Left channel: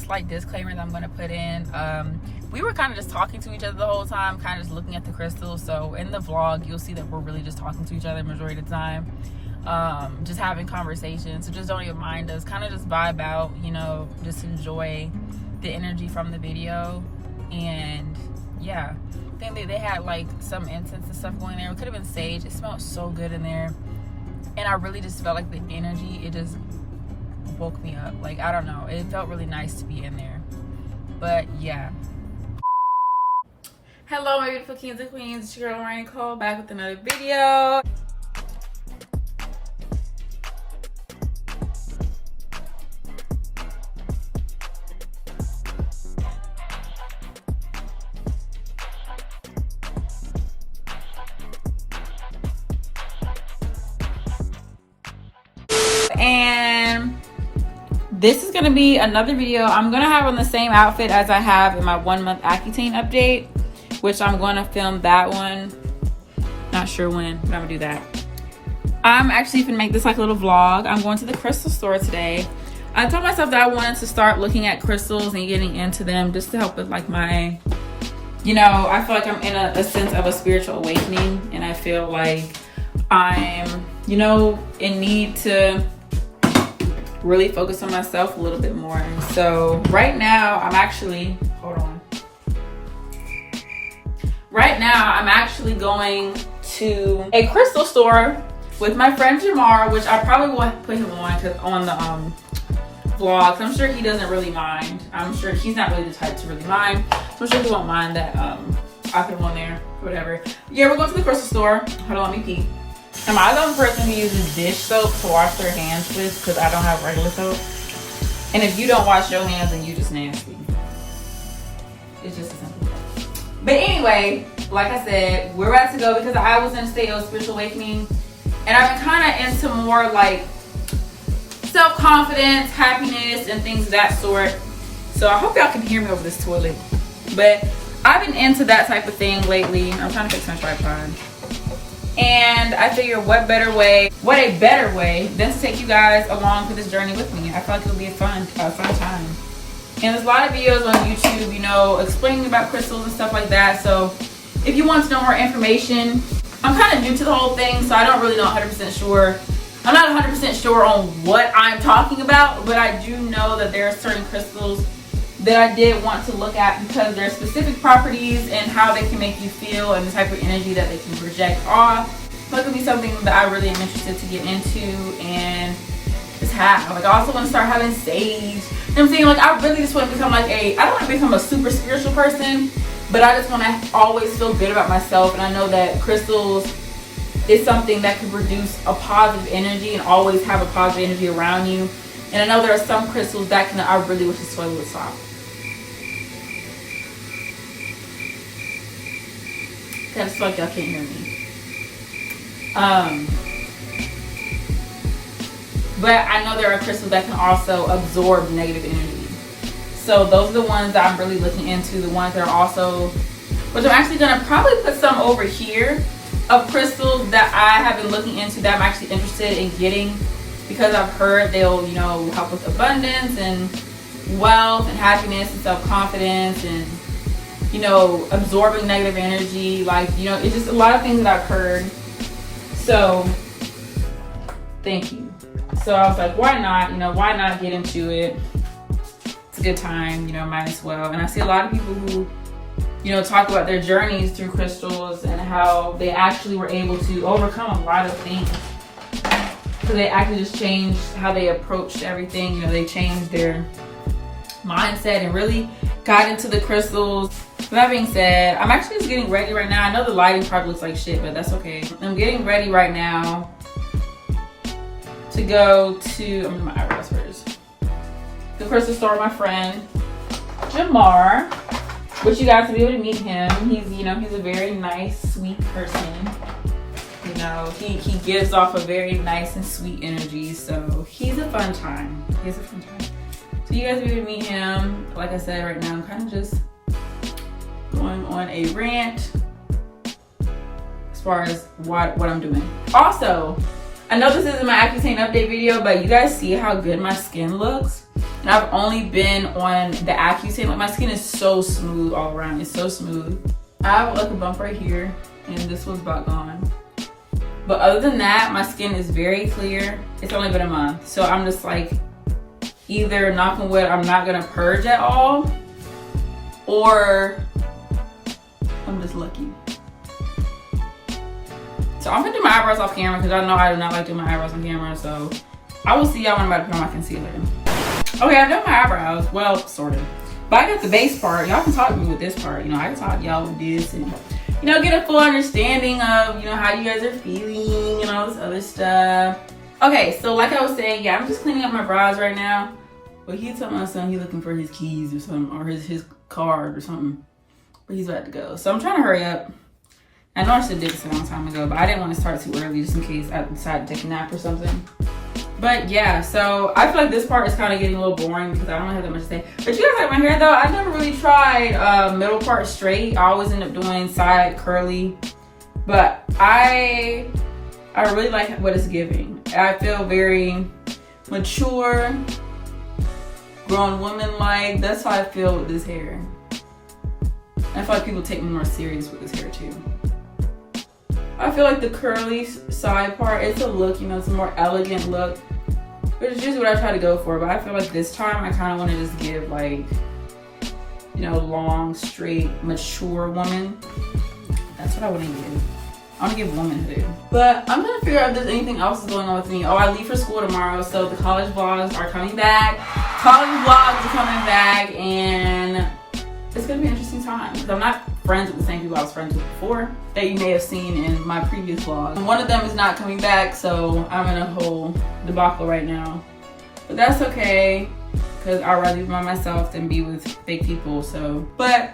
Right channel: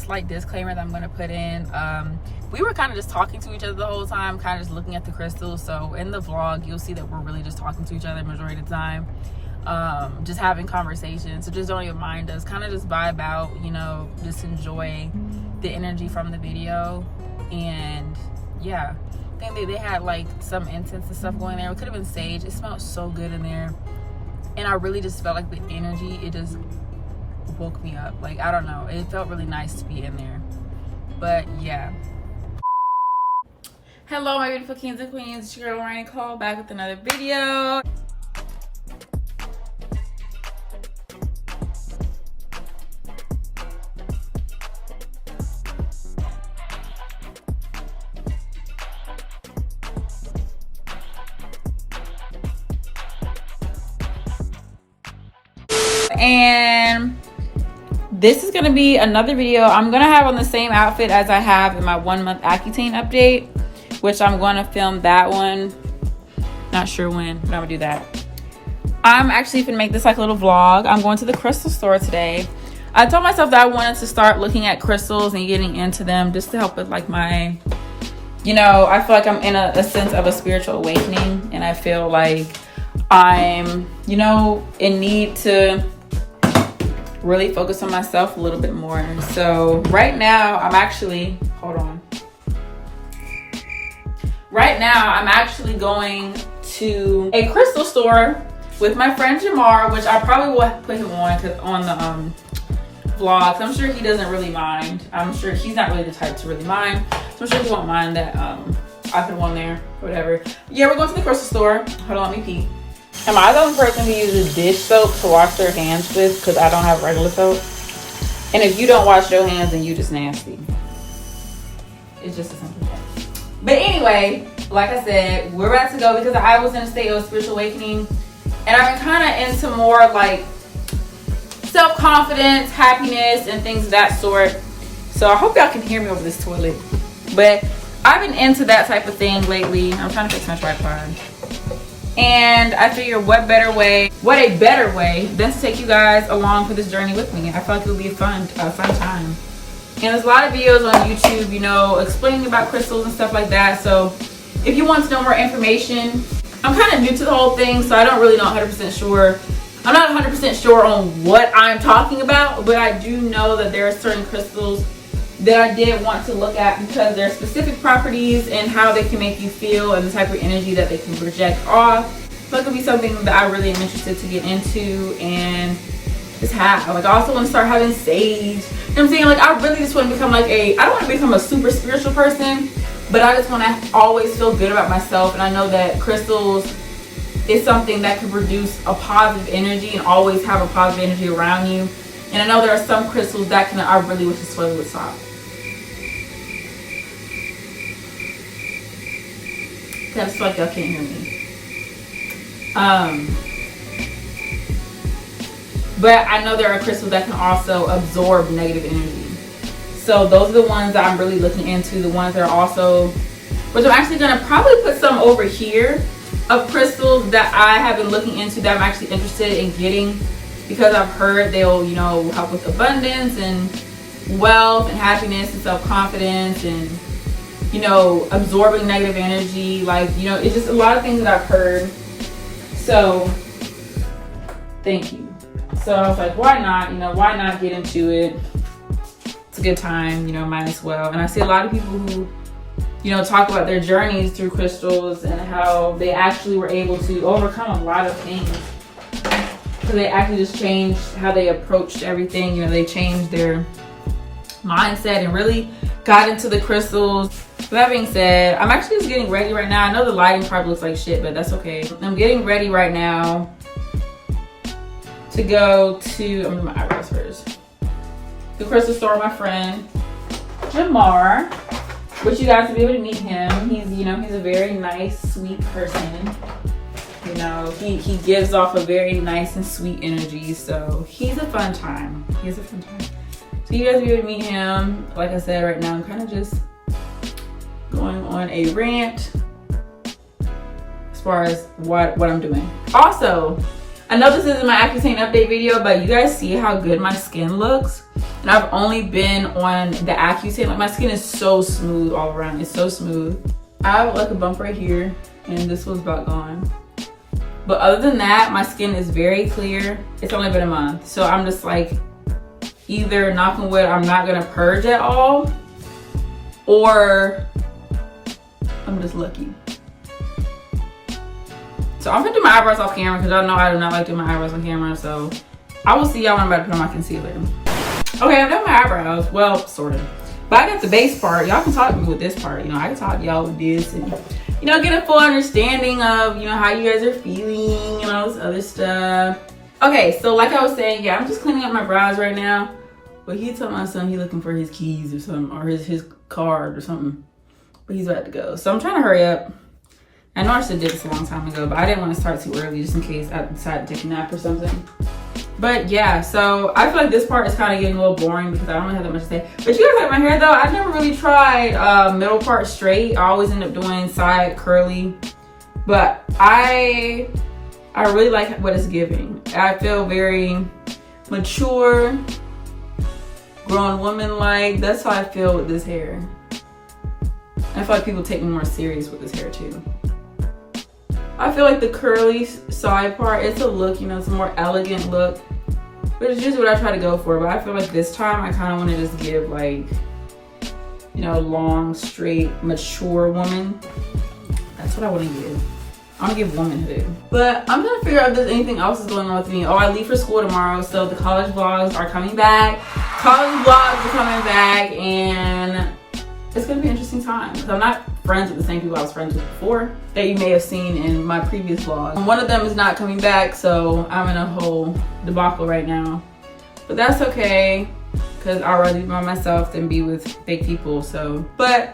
slight disclaimer that I'm going to put in. We were kind of just talking to each other the whole time, kind of just looking at the crystals. So in the vlog, you'll see that we're really just talking to each other majority of the time, just having conversations. So just don't even mind us, kind of just vibe out, you know, just enjoy the energy from the video. And yeah, I think they had like some incense and stuff going there. It could have been sage. It smelled so good in there, and I really just felt like the energy, it just woke me up. Like, I don't know, it felt really nice to be in there. But yeah, hello my beautiful kings and queens, it's your girl Lamari Nicole, back with another video. And this is gonna be another video I'm gonna have on the same outfit as I have in my 1 month Accutane update, which I'm gonna film that one, not sure when, but I'm gonna do that. I'm actually gonna make this like a little vlog. I'm going to the crystal store today. I told myself that I wanted to start looking at crystals and getting into them just to help with like my, you know, I feel like I'm in a sense of a spiritual awakening, and I feel like I'm, you know, in need to really focus on myself a little bit more. And so right now I'm actually, right now I'm actually going to a crystal store with my friend Jamar, which I probably will put him on the vlog. I'm sure he doesn't really mind. I'm sure he's not really the type to really mind. So I'm sure he won't mind that I put him on there, whatever. Yeah, we're going to the crystal store. Hold on, let me pee. Am I the only person who uses dish soap to wash their hands with? Because I don't have regular soap. And if you don't wash your hands, then you just nasty. It's just a simple thing. But anyway, like I said, we're about to go because I was in a state of spiritual awakening. And I've been kind of into more like self-confidence, happiness, and things of that sort. So I hope y'all can hear me over this toilet. But I've been into that type of thing lately. I'm trying to fix my tripod. And I figure what a better way than to take you guys along for this journey with me. I feel like it'll be a fun time. And there's a lot of videos on YouTube, you know, explaining about crystals and stuff like that. So if you want to know more information, I'm kind of new to the whole thing, so I don't really know 100% sure. I'm not 100% sure on what I'm talking about, but I do know that there are certain crystals that I did want to look at because there are specific properties and how they can make you feel and the type of energy that they can project off. So it could be something that I really am interested to get into and just have. Like, I also want to start having sage. You know what I'm saying? Like, I really just want to become like I don't want to become a super spiritual person, but I just want to always feel good about myself. And I know that crystals is something that can produce a positive energy and always have a positive energy around you. And I know there are some crystals that I really wish this sweater would stop. I just feel like y'all can't hear me. But I know there are crystals that can also absorb negative energy. So those are the ones that I'm really looking into. The ones that are also, which I'm actually gonna probably put some over here of crystals that I have been looking into that I'm actually interested in getting, because I've heard they'll, you know, help with abundance and wealth and happiness and self-confidence and, you know, absorbing negative energy. Like, you know, it's just a lot of things that I've heard. So thank you. So I was like, why not? You know, why not get into it? It's a good time, you know, might as well. And I see a lot of people who, you know, talk about their journeys through crystals and how they actually were able to overcome a lot of things. So they actually just changed how they approached everything. You know, they changed their mindset and really got into the crystals. With that being said, I'm actually just getting ready right now. I know the lighting probably looks like shit, but that's okay. I'm getting ready right now to go to, I'm gonna do my eyebrows first. The crystal store with my friend Jamar, which you guys will be able to meet him. He's, you know, he's a very nice, sweet person. You know, he gives off a very nice and sweet energy, so he's a fun time. So you guys will be able to meet him. Like I said, right now I'm kind of just going on a rant as far as what I'm doing. Also, I know this isn't my Accutane update video, but you guys see how good my skin looks? And I've only been on the Accutane. Like, my skin is so smooth all around. It's so smooth. I have like a bump right here, and this one's about gone. But other than that, my skin is very clear. It's only been a month. So I'm just like, either, knock on wood, I'm not gonna purge at all, or I'm just lucky. So I'm gonna do my eyebrows off camera because I know I do not like doing my eyebrows on camera. So I will see y'all when I'm about to put on my concealer. Okay, I've done my eyebrows. Well, sort of. But I got the base part. Y'all can talk to me with this part. You know, I can talk to y'all with this and, you know, get a full understanding of, you know, how you guys are feeling and all this other stuff. Okay, so like I was saying, yeah, I'm just cleaning up my brows right now. But he told my son he's looking for his keys or something, or his card or something. But he's about to go. So I'm trying to hurry up. I know I should have did this a long time ago, but I didn't want to start too early just in case I decided to take a nap or something. But yeah, so I feel like this part is kind of getting a little boring because I don't really have that much to say. But you guys like my hair though? I never really tried middle part straight. I always end up doing side curly. But I really like what it's giving. I feel very mature, grown woman-like. That's how I feel with this hair. I feel like people take me more serious with this hair too. I feel like the curly side part, it's a look, you know, it's a more elegant look, which is just what I try to go for. But I feel like this time I kind of want to just give like, you know, long, straight, mature woman. That's what I want to give. I want to give womanhood. But I'm trying to figure out if there's anything else is going on with me. Oh, I leave for school tomorrow, so the college vlogs are coming back. College vlogs are coming back, and it's gonna be an interesting time because I'm not friends with the same people I was friends with before that you may have seen in my previous vlog. One of them is not coming back, so I'm in a whole debacle right now. But that's okay, because I'd rather be by myself than be with fake people. So, but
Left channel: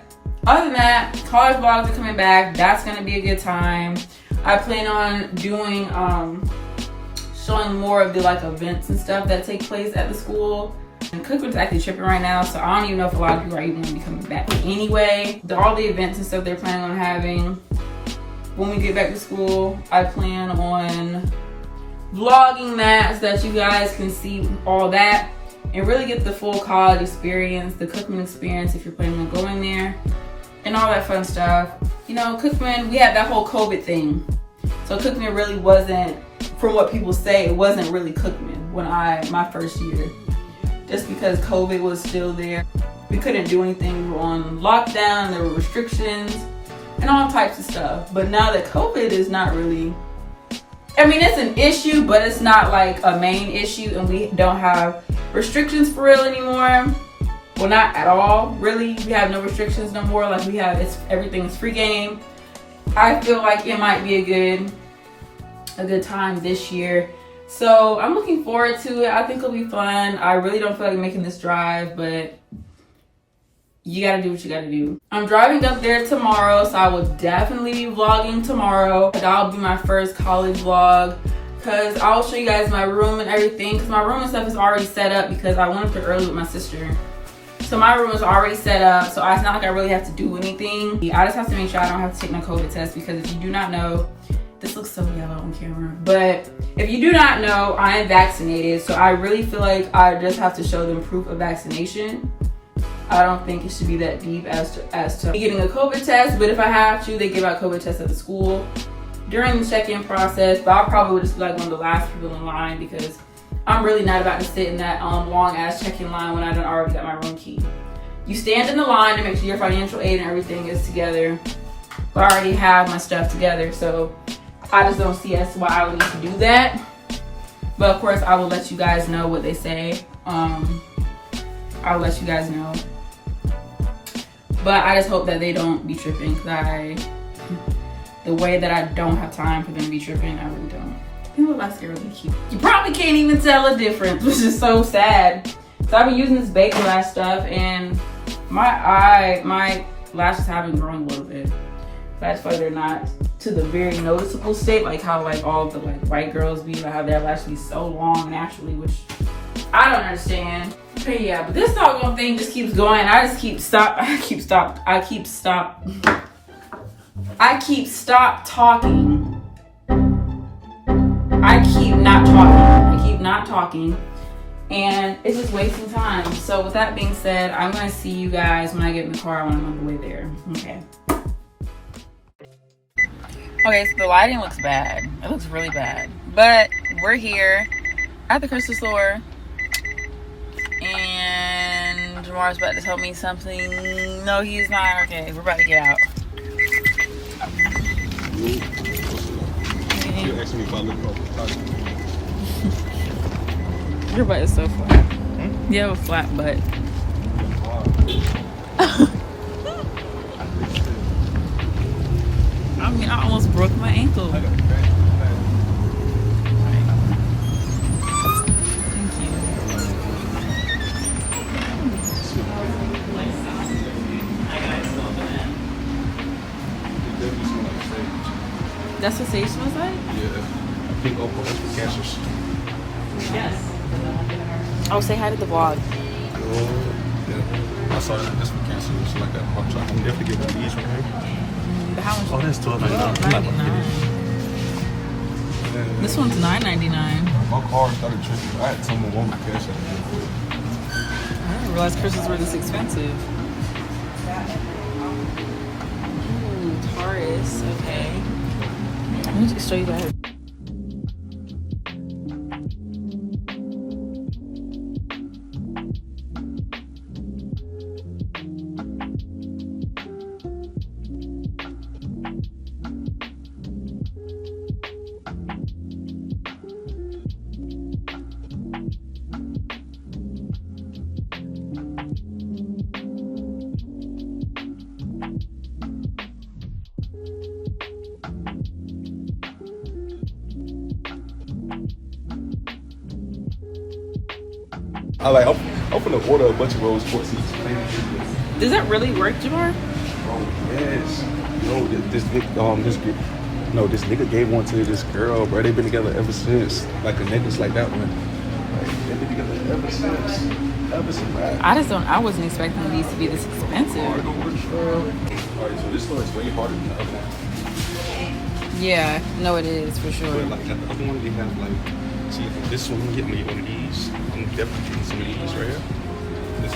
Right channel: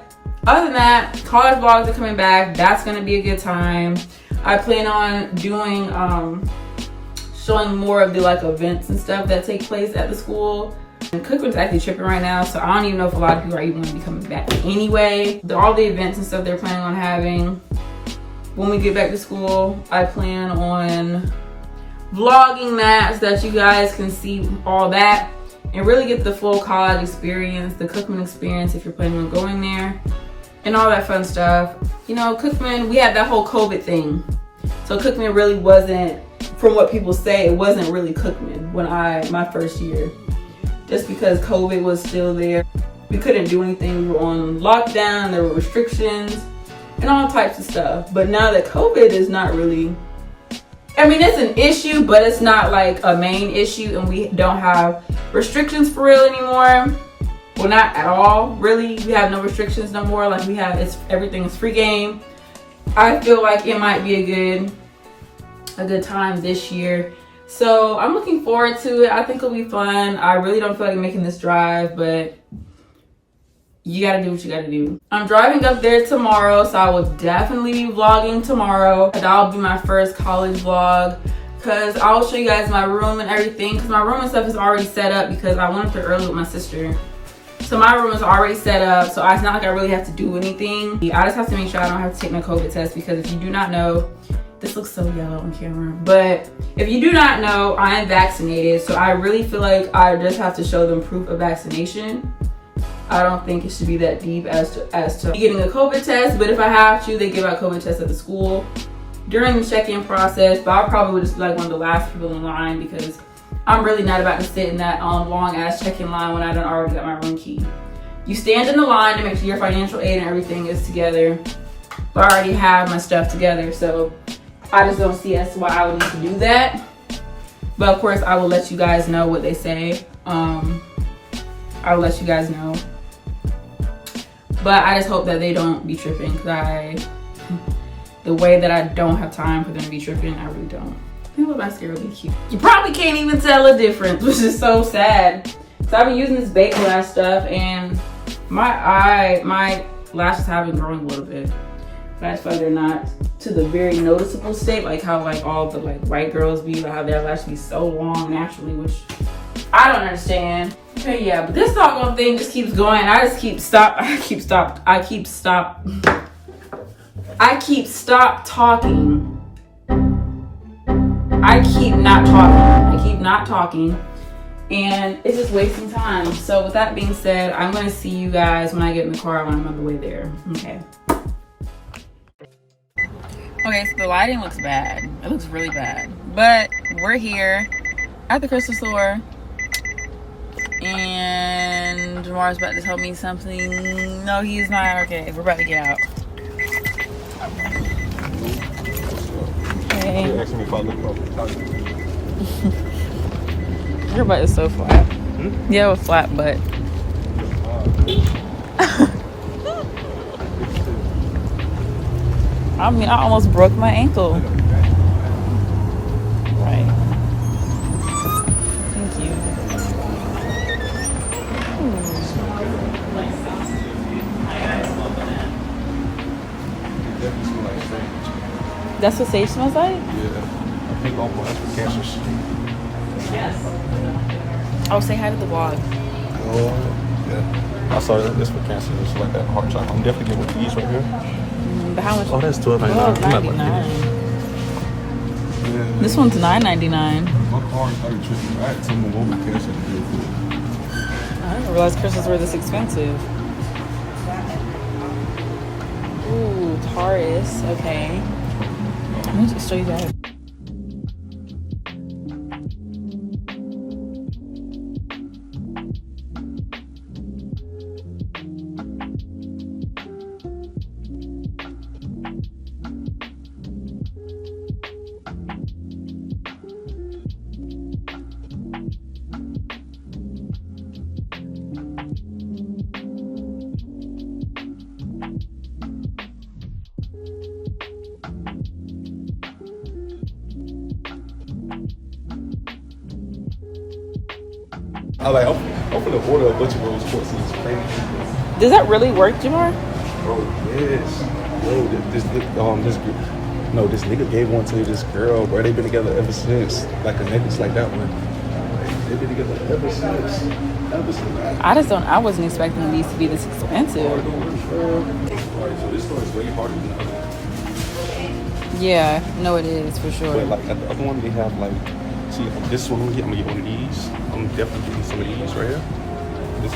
other than that, college vlogs are coming back. That's gonna be a good time. I plan on doing showing more of the like events and stuff that take place at the school. And Cookman's actually tripping right now, so I don't even know if a lot of people are even going to be coming back anyway. All the events and stuff they're planning on having when we get back to school, I plan on vlogging that so that you guys can see all that and really get the full college experience, the Cookman experience if you're planning on going there, and all that fun stuff. You know, Cookman, we had that whole COVID thing, so Cookman really wasn't, from what people say, it wasn't really Cookman when my first year. Just because COVID was still there. We couldn't do anything. We were on lockdown, there were restrictions and all types of stuff. But now that COVID is not really, I mean, it's an issue, but it's not like a main issue, and we don't have restrictions for real anymore. Well, not at all, really. We have no restrictions no more. Like everything is free game. I feel like it might be a good time this year. So I'm looking forward to it. I think it'll be fun. I really don't feel like making this drive, but you gotta do what you gotta do. I'm driving up there tomorrow, so I will definitely be vlogging tomorrow. That'll be my first college vlog, because I'll show you guys my room and everything, because my room and stuff is already set up because I went up there early with my sister. So my room is already set up, so it's not like I really have to do anything. I just have to make sure I don't have to take my COVID test, because if you do not know, this looks so yellow on camera, but if you do not know, I am vaccinated, so I really feel like I just have to show them proof of vaccination. I don't think it should be that deep as to getting a COVID test, but if I have to, they give out COVID tests at the school during the check-in process. But I probably would just be like one of the last people in line, because I'm really not about to sit in that long-ass check-in line when I done already got my room key. You stand in the line to make sure your financial aid and everything is together, but I already have my stuff together, so I just don't see as to why I would need to do that. But of course, I will let you guys know what they say. I'll let you guys know. But I just hope that they don't be tripping, because the way that I don't have time for them to be tripping, I really don't. You look my skin really cute. You probably can't even tell a difference, which is so sad. So I've been using this base lash stuff, and my lashes have been growing a little bit. But I feel like they're not to the very noticeable state, like how like all the like white girls be, like how their lashes be so long naturally, which I don't understand. But yeah, but this doggone thing just keeps going. I keep stop talking. I keep not not talking, and it's just wasting time. So with that being said, I'm gonna see you guys when I get in the car when I'm on the way there. Okay. Okay, so the lighting looks bad. It looks really bad. But we're here at the crystal store, and Jamar's about to tell me something. No, he's not. Okay, we're about to get out. Okay. Your butt is so flat. Hmm? You have a flat butt. I mean, I almost broke my ankle. Thank you. That's what sage smells like? Oh, say hi to the vlog. Oh, yeah. I saw this for cancer. It's like that hot chocolate. I'm definitely getting one of these right here. But how much? Oh, that's $12.99. $12.99. This one's $9.99. My car started tripping. I had someone want me cancer. I didn't realize crystals were this expensive. Ooh, Taurus. Okay. Let me just show you guys. I'm gonna order a bunch of rose quartz. Does that really work, Jamar? Bro, yes. Yo, this nigga gave one to this girl, bro. They've been together ever since. Like a necklace like that one. They've been together ever since. I wasn't expecting these to be this expensive. So this store is way harder than the other. Yeah, no, it is for sure. Like at the other one, they have like, see, this one I'm gonna get one of these. I'm definitely getting some of these right here. This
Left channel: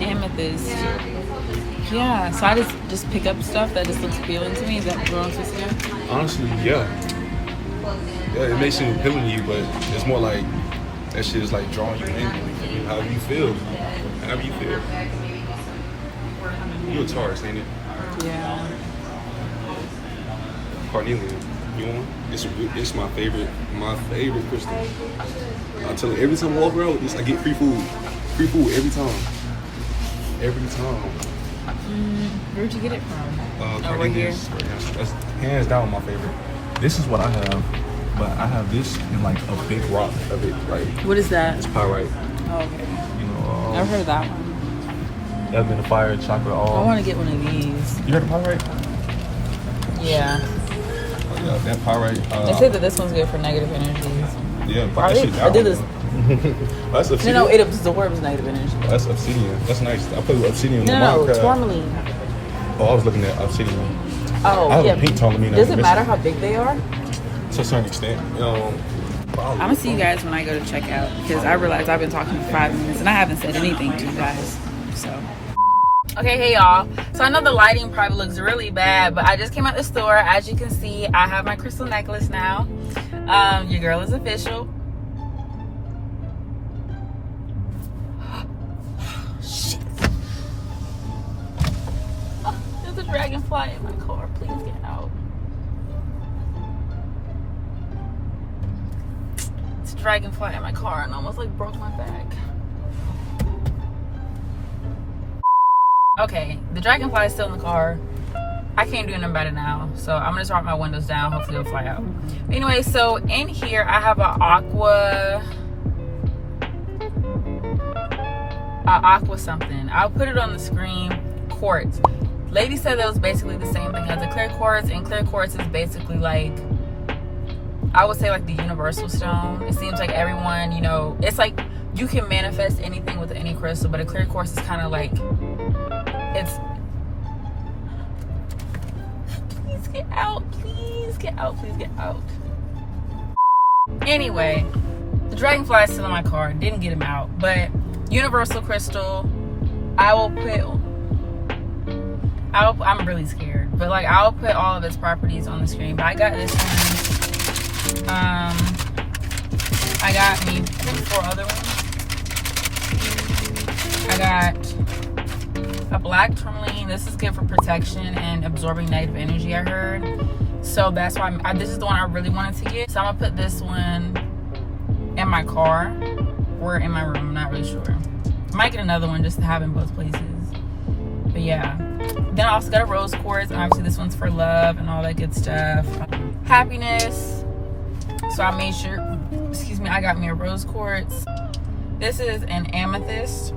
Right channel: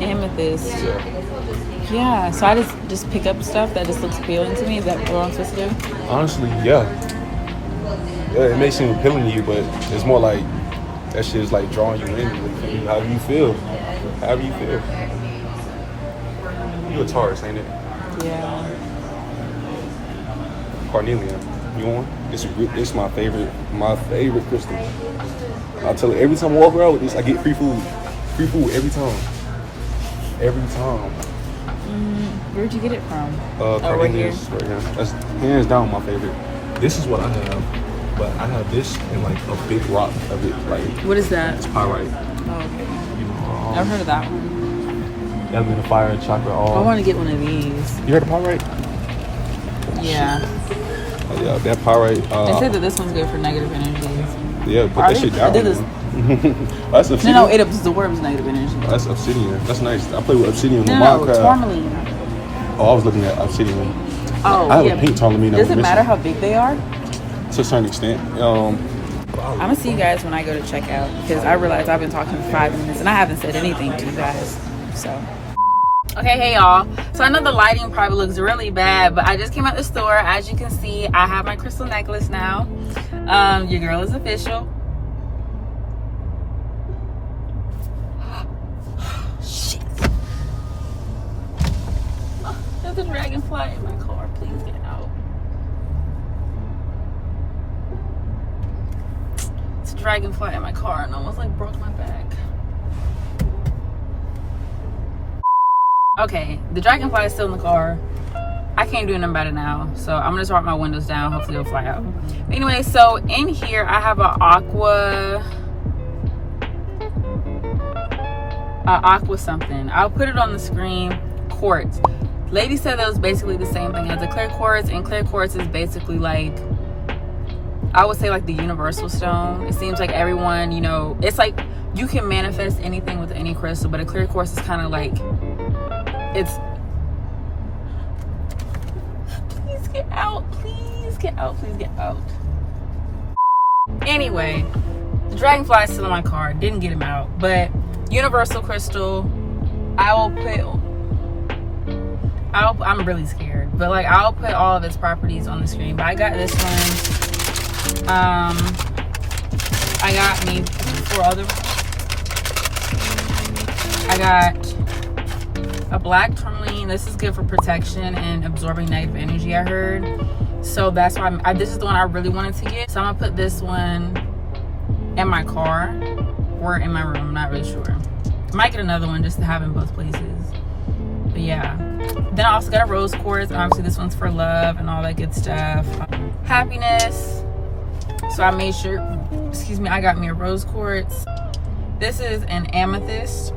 Amethyst. Yeah, so I just pick up stuff that just looks appealing to me. Is that what I'm supposed to do? Honestly, yeah. Yeah, it may seem appealing to you, but it's more like that shit is like drawing you in. How do you feel? How do you feel? You a Taurus, ain't it? Yeah. Carnelian. You want one? This is my favorite crystal. I tell you, every time I walk around with this, I get free food. Free food every time. Every time. Where'd you get it from? Carnelian. Right here. That's hands down my favorite. This is what I have, but I have this in like a big rock of it, right? What is that? It's pyrite. Oh, okay. You know, I've heard of that one. I've been a fire chocolate. I want to get one of these. You heard of pyrite? Yeah. Yeah, that pyrite. They said that this one's good for negative energies. Yeah, but that shit I do this. That's obsidian. No, it absorbs negative energy. That's obsidian. That's nice. I play with obsidian. No, tourmaline. Oh, I was looking at obsidian. Oh, I have a pink tourmaline. Does it matter how big they are? To a certain extent. I'm gonna see you guys when I go to check out, because I realize I've been talking for 5 minutes and I haven't said anything to you guys. So. Okay, hey y'all. So I know the lighting probably looks really bad, but I just came out the store. As you can see, I have my crystal necklace now. Your girl is official. Shit. Oh, there's a dragonfly in my car. Please get out. It's a dragonfly in my car and almost like broke my back. Okay, the dragonfly is still in the car. I can't do nothing about it now, so I'm gonna start my windows down. Hopefully it'll fly out. But anyway, so in here I have an aqua something. I'll put it on the screen. Quartz. Lady said that was basically the same thing as a clear quartz, and clear quartz is basically like, I would say like the universal stone. It seems like everyone, you know, it's like you can manifest anything with any crystal, but a clear quartz is kind of like, it's, please get out, please get out, please get out. Anyway, The dragonfly is still in my car. Didn't get him out. But universal crystal, I'm really scared. But like, I'll put all of its properties on the screen. But I got this one. I got maybe 4 other ones. I got a black tourmaline. This is good for protection and absorbing negative energy, I heard. So that's why this is the one I really wanted to get. So I'm gonna put this one in my car or in my room. I'm not really sure. Might get another one just to have in both places. But yeah. Then I also got a rose quartz. Obviously this one's for love and all that good stuff. Happiness. So I made sure, I got me a rose quartz. This is an amethyst.